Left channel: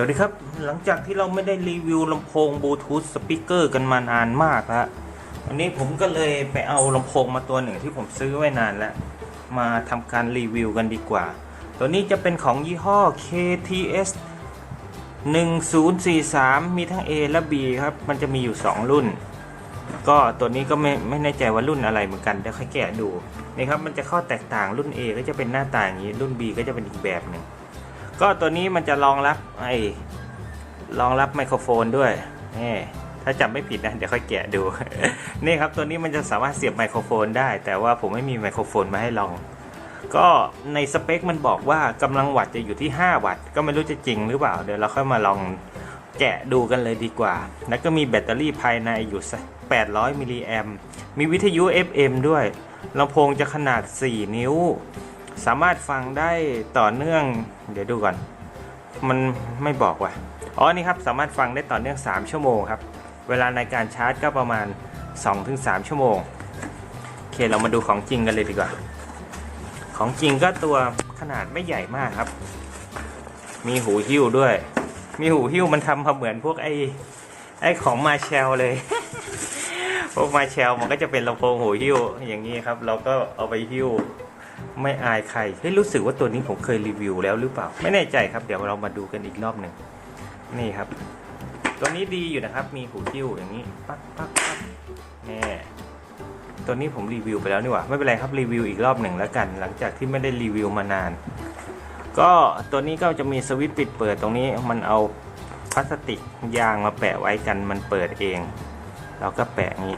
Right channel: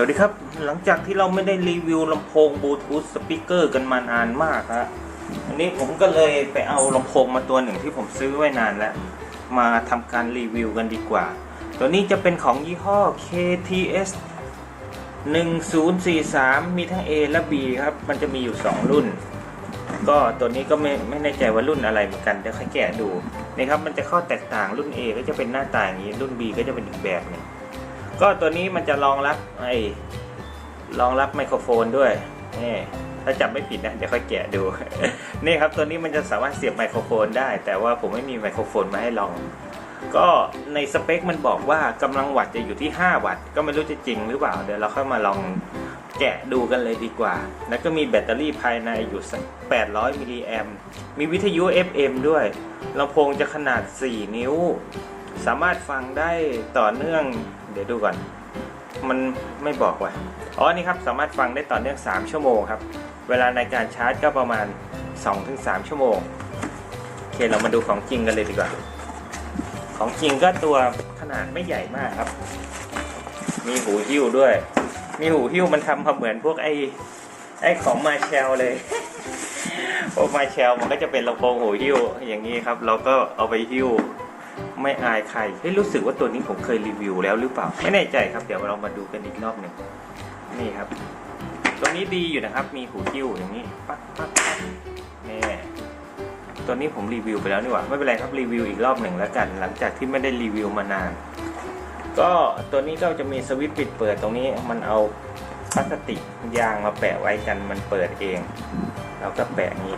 วัสดีครับ หลังจากที่เราไม่ได้รีวิวลำโพงบลูทูธสปีกเกอร์กันมานานมากฮะวันนี้ผมก็เลยไปเอาลำโพงมาตัวหนึ่งที่ผมซื้อไว้นานแล้ว มาทำการรีวิวกันดีกว่า ตัวนี้จะเป็นของยี่ห้อ KTS 1043 มีทั้ง A และ B ครับ มันจะมีอยู่ 2 รุ่น ก็ตัวนี้ก็ไม่ไม่แน่ใจว่ารุ่นอะไรเหมือนกันเดี๋ยวค่อยแกะดูนะครับมันจะข้อแตกต่างรุ่น A ก็จะเป็นหน้าต่างนี้รุ่น B ก็จะเป็นอีกแบบหนึ่ง ก็ตัวนี้มันจะรองรับไอ้รองรับไมโครโฟนด้วยนี่ถ้าจำไม่ผิดนะเดี๋ยวค่อยแกะดู นี่ครับตัวนี้มันจะสามารถเสียบไมโครโฟนได้ แต่ว่าผมไม่มีไมโครโฟนมาให้ลอง ก็ในสเปคมันบอกว่ากำลังวัตต์จะอยู่ที่ 5 วัตต์ก็ไม่รู้จะจริงหรือเปล่าเดี๋ยวเราค่อยมาลองแกะดูกันเลยดีกว่า แล้วก็มีแบตเตอรี่ภายในอยู่ 800 มิลลิแอมมีวิทยุ FM ด้วยลำโพงจะขนาด 4 นิ้ว สามารถฟังได้ต่อเนื่อง เดี๋ยวดูก่อน มันไม่บอกว่ะอ๋อนี่ครับสามารถฟังได้ต่อเนื่อง 3 ชั่วโมงครับ เวลาในการชาร์จก็ประมาณ 2-3 ชั่วโมงโอเคเรามาดูของจริงกันเลยดีกว่า ของจริงก็ตัวขนาดไม่ใหญ่มากครับ มีหูหิ้วด้วย มีหูหิ้วมันทำมาเหมือนพวกไอ้ไอ้ของมาเชลเลยพวกมาเชลมันก็จะเป็นลำโพงหูหิ้วอย่างนี้ครับ เราก็เอาไปหิ้ว ไม่อายใครเฮ้ยรู้สึกว่าตัวนี้ผมเคยรีวิวแล้วหรือเปล่า ไม่แน่ใจครับ เดี๋ยวเรามาดูกันอีกรอบหนึ่งนี่ครับ ตัวนี้ดีอยู่นะครับ มีหูหิ้วอย่างนี้ปั๊กปั๊กปั๊กนี่ตัวนี้ผมรีวิวไปแล้วนี่หว่าไม่เป็นไรครับรีวิวอีกรอบหนึ่งแล้วกัน หลังจากที่ไม่ได้รีวิวมานาน ก็ตัวนี้ก็จะมีสวิตช์ปิดเปิดตรงนี้มันเอาพลาสติกยางมาแปะไว้กันมันเปิดเอง เราก็แปะนี้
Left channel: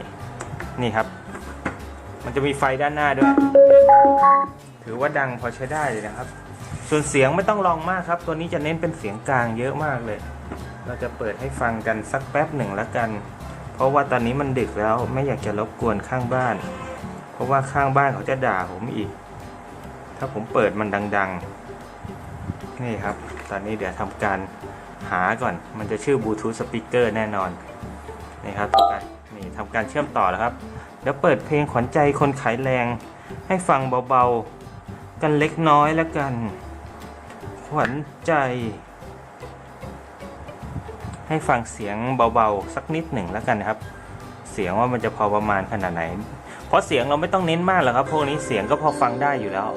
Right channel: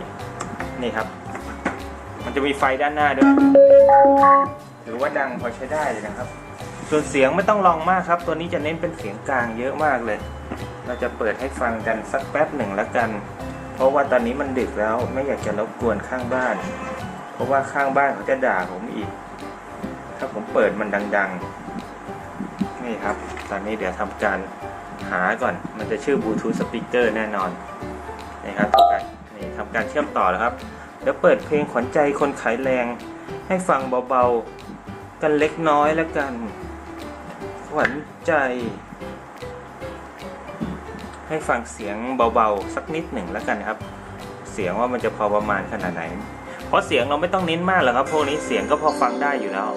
นี่ครับ มันจะมีไฟด้านหน้าด้วย ถือว่าดังพอใช้ได้นะครับ ส่วนเสียงไม่ต้องลองมากครับ ตัวนี้จะเน้นเป็นเสียงกลางเยอะมากเลย เราจะเปิดให้ฟังกันสักแป๊บหนึ่งแล้วกัน เพราะว่าตอนนี้มันดึกแล้วไม่อยากจะรบกวนข้างบ้าน เพราะว่าข้างบ้านเขาจะด่าผมอีก ถ้าผมเปิดมันดัง ๆ นี่ครับ ตอนนี้เดี๋ยวทำการหาก่อน มันจะชื่อบลูทูธสปีกเกอร์แน่นอนนี่ครับนี่ทำการเชื่อมต่อแล้วครับ แล้วเปิดเพลงขวัญใจคนขายแรง ให้ฟังเบาๆ กันเล็กน้อยแล้วกัน ขวัญใจ ให้ฟังเสียงเบาๆ สักนิดหนึ่งแล้วกันนะครับ เสียงว่ามันจะพอประมาณขนาดไหน เพราะเสียงเราไม่ต้องเน้นมากหรอกครับ พวกนี้เสียงก็พอฟังได้อยู่แล้ว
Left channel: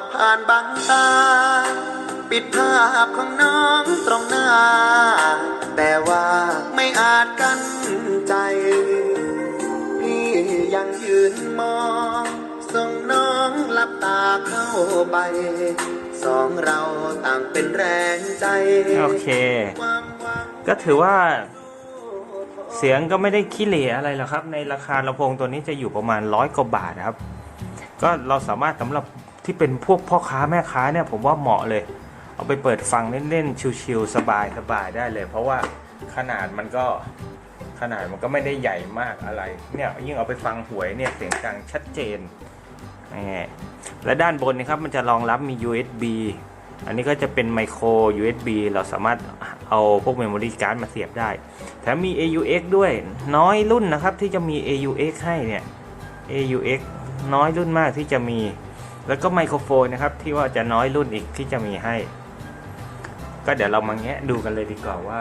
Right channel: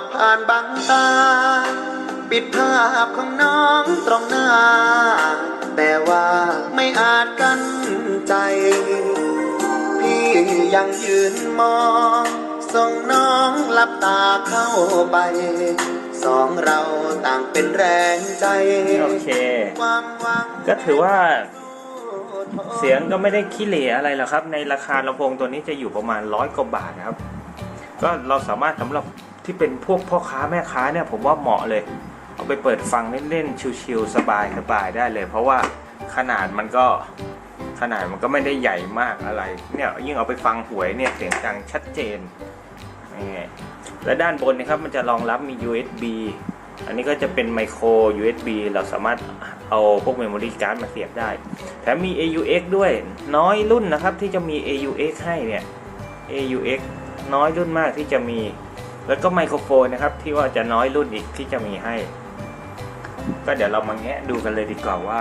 ดผ่านบางตา ปิดภาพของน้องตรงหน้า แต่ว่าไม่อาจกันใจ พี่ยังยืนมอง ส่งน้องหลับตาเข้าไป สองเราต่างเป็นแรงใจ โอเค ความหวังก็ถือว่า เสียงก็ไม่ได้ขี้เหร่อะไรหรอกครับ ในราคาลำโพงตัวนี้จะอยู่ประมาณร้อยกว่าบาทนะครับ ก็เราสามารถสำหรับ ที่เป็นพวกพ่อค้าแม่ค้าเนี่ยผมว่าเหมาะเลย เอาไปเปิดฟังเล่นๆชิวๆสบายสบายได้เลย เพราะว่าขนาดมันก็ขนาดมันก็ไม่ได้ใหญ่มากอะไร เนี่ยยิ่งเอาไปฟังหวยเนี่ยเสียงดังชัดเจนนี่และด้านบนนะครับมันจะรองรับมี USB อันนี้ก็จะเป็นไมโคร USB เราสามารถเอาพวกเมมโมรี่การ์ดมาเสียบได้แถมมี AUX ด้วยน้อยรุ่นนะครับที่จะมี AUX ให้เนี่ย AUX น้อยรุ่นมากที่จะมี แล้วก็ไมโครโฟนนะครับที่ว่าจะน้อยรุ่นอีกที่จะมีให้ ก็เดี๋ยวเรามาแงะดูกันเลยดีกว่าว่า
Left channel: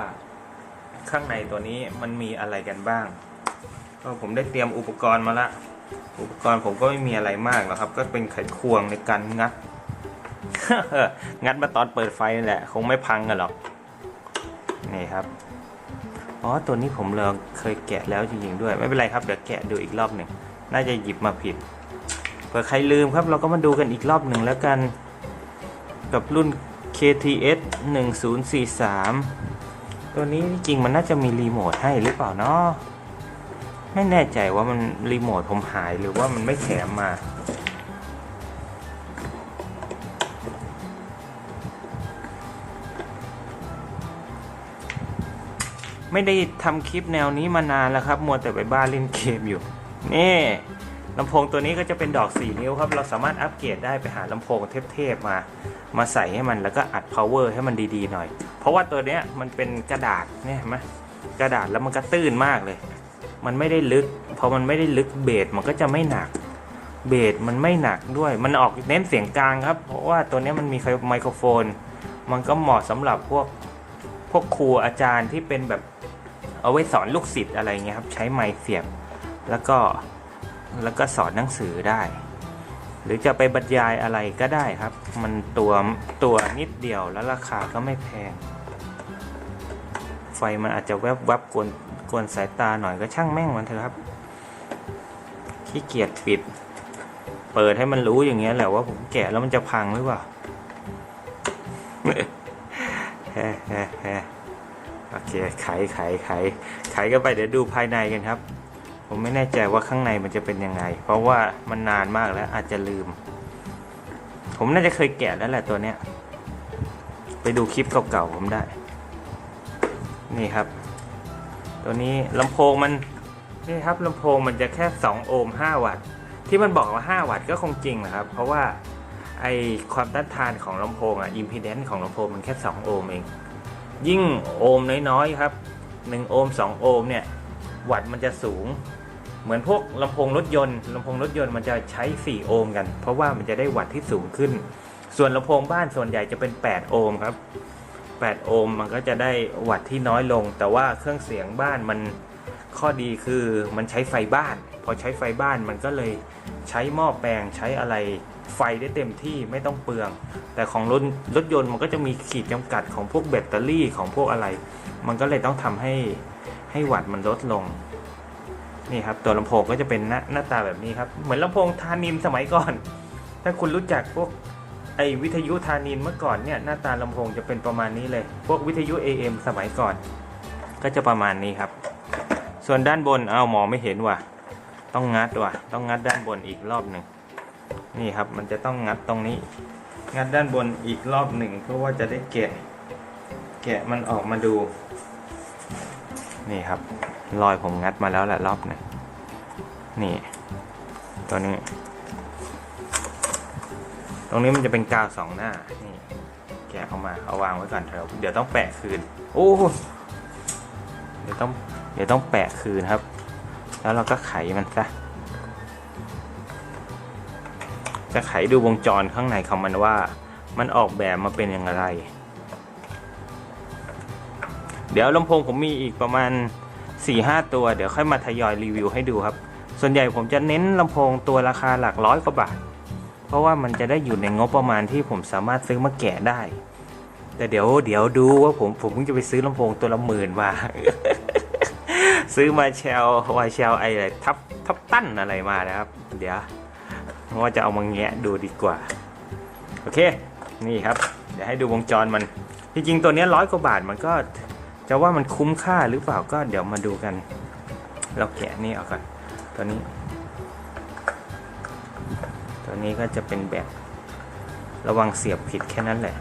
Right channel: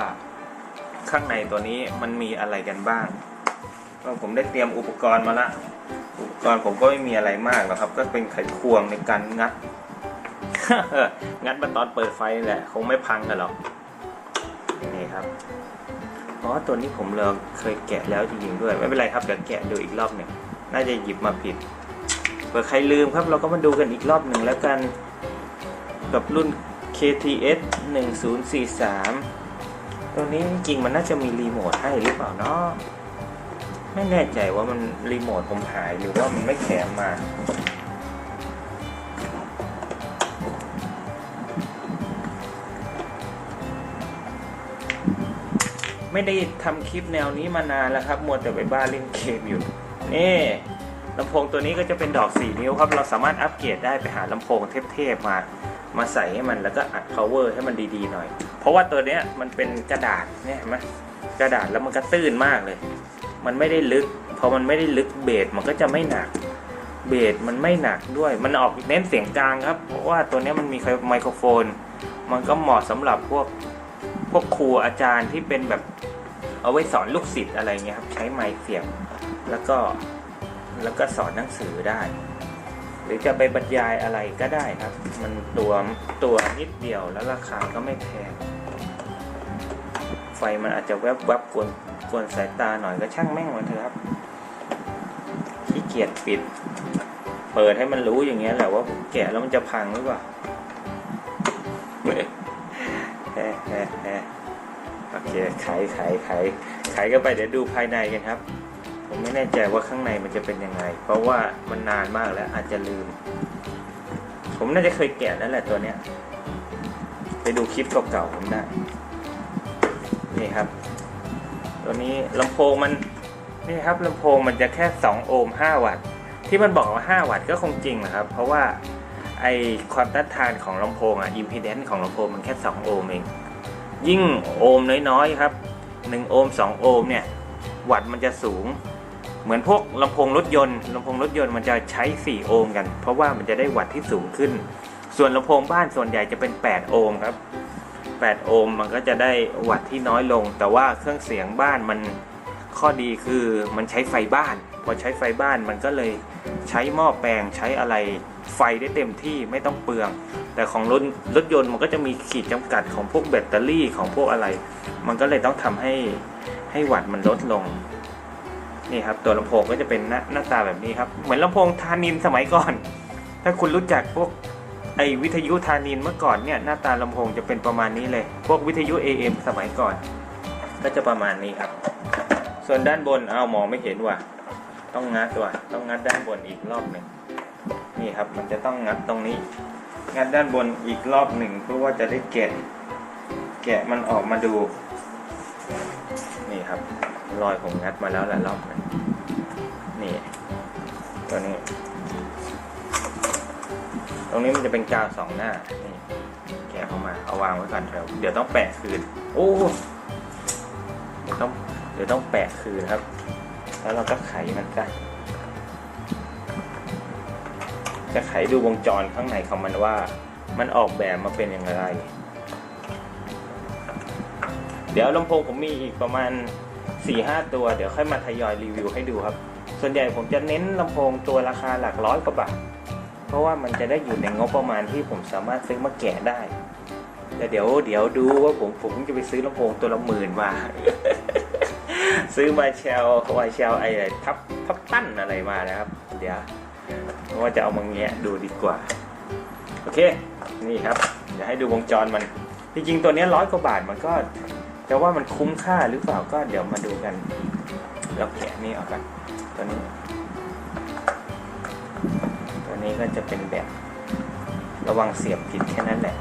ข้างในตัวนี้มันมีอะไรกันบ้าง ก็ผมได้เตรียมอุปกรณ์มาละ อุปกรณ์ผมก็ไม่มีอะไรมากหรอกครับ ก็เป็นไขควงในการงัด งัดมาตอนเปิดไฟนี่แหละ คงไม่พังกันหรอกนี่ครับอ๋อตัวนี้ผมเราเคยแกะแล้วจริงๆด้วย ไม่เป็นไรครับเดี๋ยวแกะดูอีกรอบหนึ่งน่าจะหยิบมาผิด เผื่อใครลืมครับเราก็มาดูกันอีกรอบหนึ่งแล้วกัน กับรุ่น KTS 1043 ตัวนี้จริงมันน่าจะมีรีโมทให้หรือเปล่าเนาะไม่แน่ใจว่ามันรีโมทผมหายหรือว่ามันไม่แถมมาไม่ได้ทำคลิปแนวนี้มานานแล้วครับ มัวแต่ไปบ้านเล่นเกมอยู่ นี่ ลำโพงตัวนี้ก็จะเป็นดอก 4 นิ้วครับ เราสามารถอัปเกรดได้ไปหาลำโพงเทพๆมา มาใส่ให้มันแล้วก็อัด power ให้มันดีๆหน่อย เพราะว่าตัวเนี้ยมันเป็นกระดาษเนี่ยเห็นไหมกระดาษแล้วมันก็ตื้นมากเลย มันไม่ได้ลึก พอมันไม่ได้ลึกเบสมันก็จะไม่หนัก เบสมันไม่หนักด้วย มันออกเน้นเสียงกลางครับ เพราะว่าตัวเนี้ยมันมีไมโครโฟน มันก็เหมาะสำหรับพวกพวกครูอาจารย์ที่เป็นแบบเอาไว้สอนลูกศิษย์อะไรเงี้ยครับ ใช้ไมค์เสียบแล้วก็ แล้วก็สอนหนังสือได้ หรือจะไปบรรยายอะไรก็ได้ครับ มันตัวตัวนิดเดียวแล้วราคาก็ไม่แพง ไฟมันอาจจะแวบวับๆกวนกวนสายตาหน่อยก็ช่างแม่งมันเถอะครับขี้เกียจปิด เปิดให้มันรู้อย่างเงี้ยแหละว่าผมแกะแล้วมันจะพังหรือเปล่าแฮ่แฮ่แฮ่โอเคไขไขไขไขกันไปเดี๋ยวดูภายในกันครับ ผมไม่แน่ใจว่าข้างในมันจะเป็นยังไง เพราะว่ามันนานมากแล้วอาจจะลืม ผมน่าจะเคยแกะแล้วแหละตัวเนี้ย ไปดูคลิปเก่าๆผมได้ นี่ครับ ตัวนี้ลำโพงมัน นี่ครับลำโพงมันจะแค่ 2 โอห์ม5 วัตต์ ที่มันบอกว่า 5 วัตต์ก็คงจริงนะครับ เพราะว่าไอความต้านทานของลำโพงอะอิมพีแดนซ์ของลำโพงมันแค่ 2 โอห์มเอง ยิ่งโอห์มน้อยๆครับ 1 โอห์ม2 โอห์มเนี่ย วัตต์มันจะสูง เหมือนพวกลำโพงรถยนต์ลำโพงรถยนต์มันจะใช้ 4 โอห์มกัน เพราะว่ามันจะได้วัตต์ที่สูงขึ้น ส่วนลำโพงบ้านส่วนใหญ่จะเป็น 8 โอห์มครับ 8 โอห์มมันก็จะได้วัตต์ที่น้อยลง แต่ว่าเครื่องเสียงบ้านมันข้อดีคือมันใช้ไฟบ้าน พอใช้ไฟบ้านมันก็เลยใช้หม้อแปลงใช้อะไรไฟได้เต็มที่ไม่ต้องเปลือง แต่ของรถรถยนต์มันก็จะมีขีดจำกัดของพวกแบตเตอรี่ของพวกอะไร มันก็เลยต้องทำให้ให้วัตต์มันลดลง นี่ครับตัวลำโพงก็จะเป็นหน้าหน้าตาแบบนี้ครับ เหมือนลำโพงทานินสมัยก่อน ถ้าคุณรู้จักพวกไอวิทยุทานินเมื่อก่อนเนี่ยหน้าตาลำโพงจะเป็นประมาณนี้เลย พวกวิทยุ AM สมัยก่อน ก็จะประมาณนี้ครับ ส่วนด้านบนเอ้าหมอไม่เห็นว่ะ ต้องงัดว่ะ ต้องงัดด้านบนอีกรอบหนึ่งนี่ครับมันจะต้องงัดตรงนี้ งัดด้านบนอีกรอบหนึ่งเพื่อว่าจะได้แกะ แกะมันออกมาดู นี่ครับ รอยผมงัดมาแล้วแหละรอบนึ่งนี่ ตัวนี้ ตรงนี้มันจะเป็นกาวสองหน้านี่แกะออกมาเอาวางไว้ก่อนเดี๋ยวเดี๋ยวต้องแปะคืน โอ้เดี๋ยวต้องเดี๋ยวต้องแปะคืนครับ แล้วเราก็ไขมันซะจะไขดูวงจรข้างในของมันว่า มันออกแบบมาเป็นอย่างไร เดี๋ยวลำโพงผมมีอีกประมาณ 4-5 ตัว เดี๋ยวค่อยมาทยอยรีวิวให้ดูครับ ส่วนใหญ่ผมจะเน้นลำโพงตัวราคาหลักร้อยกว่าบาท เพราะว่ามันจะได้อยู่ในงบประมาณที่ผมสามารถซื้อมาแกะได้ แต่เดี๋ยวเดี๋ยวดูว่าผมผมเพิ่งจะไปซื้อลำโพงตัวละหมื่นบาทซื้อมาเชลวายเชลไอ้ทับทับตั้นอะไรมานะครับ เดี๋ยวว่าจะเอามาแงะดูดีกว่า โอเค นี่ครับ เดี๋ยวให้ดูวงจรมัน จริงๆ ตัวนี้ร้อยกว่าบาทมันก็ จะว่ามันคุ้มค่าหรือเปล่าก็เดี๋ยวมาดูกัน เราแกะนี่ออกกัน ตัวนี้ ตัวนี้ก็จะเป็นแบบระวังเสียบผิดแค่นั้นแหละ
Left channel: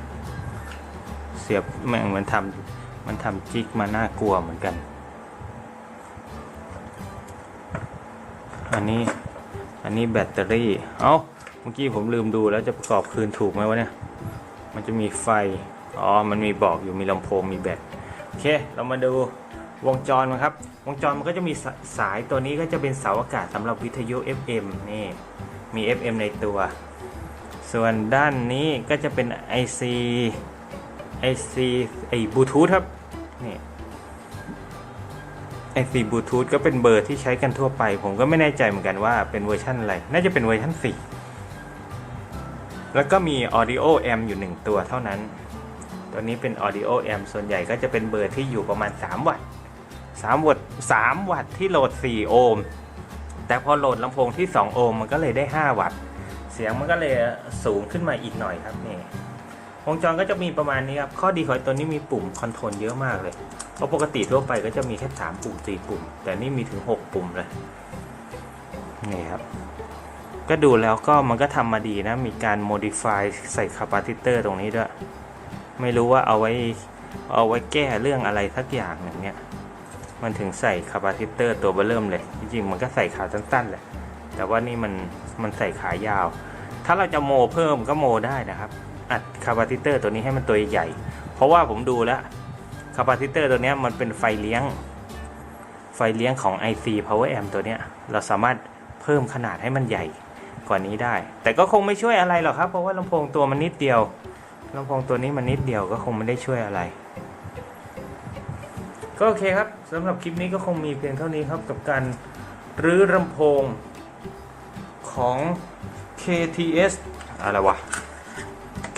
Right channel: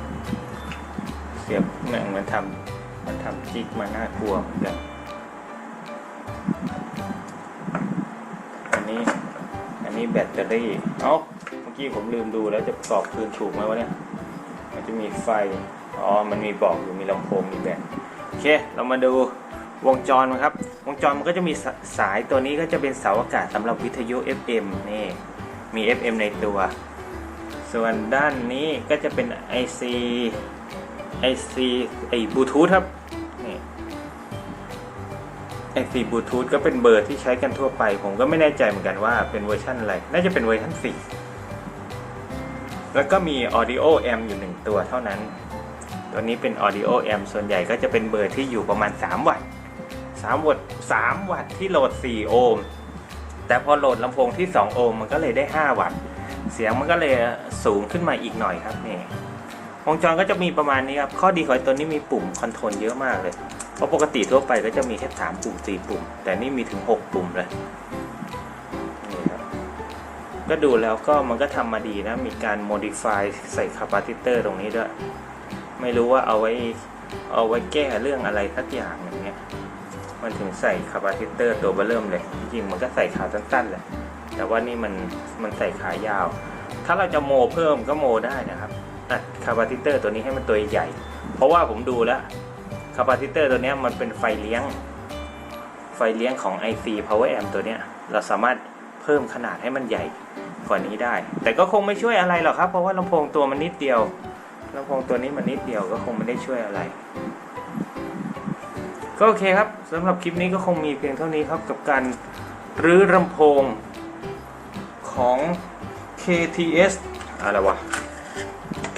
เสียบแม่งมันทำมันทำจิกมาน่ากลัวเหมือนกัน อันนี้ อันนี้แบตเตอรี่ เอ้า เมื่อกี้ผมลืมดูแล้วจะประกอบคืนถูกไหมวะเนี่ย มันจะมีไฟ อ๋อ มันมีบอกอยู่มีลำโพงมีแบต อเค เรามาดูวงจรครับ วงจรมันก็จะมีสสายตัวนี้ก็จะเป็นเสาอากาศสำหรับวิทยุ FM นี่มี FM ในตัว ส่วนด้านนี้ก็จะเป็น IC IC ไอ้บลูทูธครับนี่ IC บลูทูธก็เป็นเบอร์ที่ใช้กันทั่วไป ผมก็ไม่แน่ใจเหมือนกันว่าเป็นเวอร์ชันอะไร น่าจะเป็นเวอร์ชัน4 แล้วก็มี Audio M อยู่ 1 ตัวเท่านั้น ตัวนี้เป็น Audio Amp ส่วนใหญ่ก็จะเป็นเบอร์ที่อยู่ประมาณ 3 วัตต์3วัตต์3วัตต์ที่โหลด 4 โอห์มแต่พอโหลดลำโพงที่ 2 โอห์มมันก็เลยได้ 5 วัตต์เสียงมันก็เลยสูงขึ้นมาอีกหน่อยครับนี่วงจรก็จะมีประมาณนี้ครับ ข้อดีของตัวนี้มีปุ่มคอนโทรลเยอะมากเลย เพราะปกติทั่วไปก็จะมีแค่3ปุ่ม 4 ปุ่ม แต่นี่มีถึง 6 ปุ่มเลย นี่ครับ ก็ดูแล้วก็มันก็ทำมาดีนะ มีการ modify ใส่คาปาซิเตอร์ตรงนี้ด้วย ไม่รู้ว่าเอาไว้เอาไว้แก้เรื่องอะไรทักอย่างอย่างเนี้ยมันถึงใส่คาปาซิเตอร์ตัวเบอร์เริ่มเลย จริงๆมันก็ใส่ขาสั้นๆแหละแต่ว่านี่มันมันใส่ขายาว ถ้าเราจะโมเพิ่มก็โมได้นะครับอัดคาปาซิเตอร์ตัวนี้ให้มันตัวใหญ่ เพราะว่าผมดูแล้วคาปาซิเตอร์ตัวนี้มันเป็นไฟเลี้ยง ไฟเลี้ยงของ IC Power Amp ตัวเนี้ยเราสามารถเพิ่มขนาดให้มันใหญ่กว่านี้ได้ แต่ก็คงไม่ช่วยอะไรหรอกครับ เพราะว่าลำโพงตัวมันนิดเดียว ลำโพงตัวนี้มันนิดเดียวก็คงไม่ได้ช่วยอะไร ก็โอเคครับสำหรับคลิปนี้ก็คงมีเพียงเท่านี้ครับกับการรื้อลำโพงของ KTS อะไรวะ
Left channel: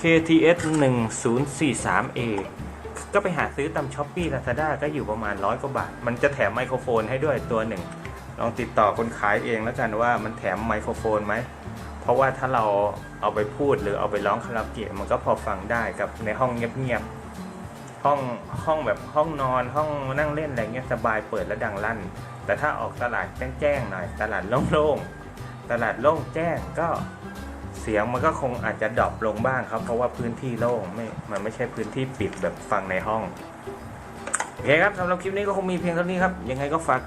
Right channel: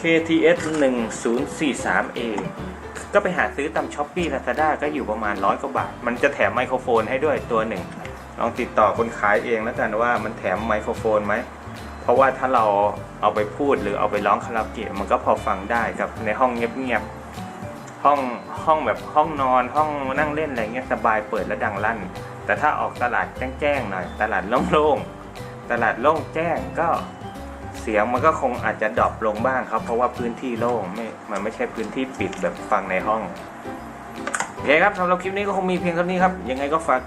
KTS 1043A ก็ไปหาซื้อตามช้อปปี้ลาซาด้าก็อยู่ประมาณร้อยกว่าบาท มันจะแถมไมโครโฟนให้ด้วยตัวหนึ่ง ลองติดต่อคนขายเองแล้วกันว่ามันแถมไมโครโฟนไหม ราะว่าถ้าเราเอาไปพูดหรือเอาไปร้องคาราโอเกะมันก็พอฟังได้กับในห้องเงียบๆห้องห้องแบบห้องนอนห้องนั่งเล่นอะไรเงี้ยสบายเปิดแล้วดังลั่น แต่ถ้าออกตลาดแจ้งๆหน่อย ตลาดโล่งๆตลาดโล่งแจ้งก็เสียงมันก็คงอาจจะดรอปลงบ้างครับ เพราะว่าพื้นที่โล่งไม่มันไม่ใช่พื้นที่ปิดแบบฟังในห้องโอเคครับสำหรับคลิปนี้ก็คงมีเพียงเท่านี้ครับยังไงก็ฝาก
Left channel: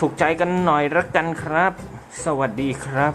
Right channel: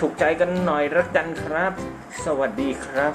ถูกใจกันหน่อยละกันครับ สวัสดีครับ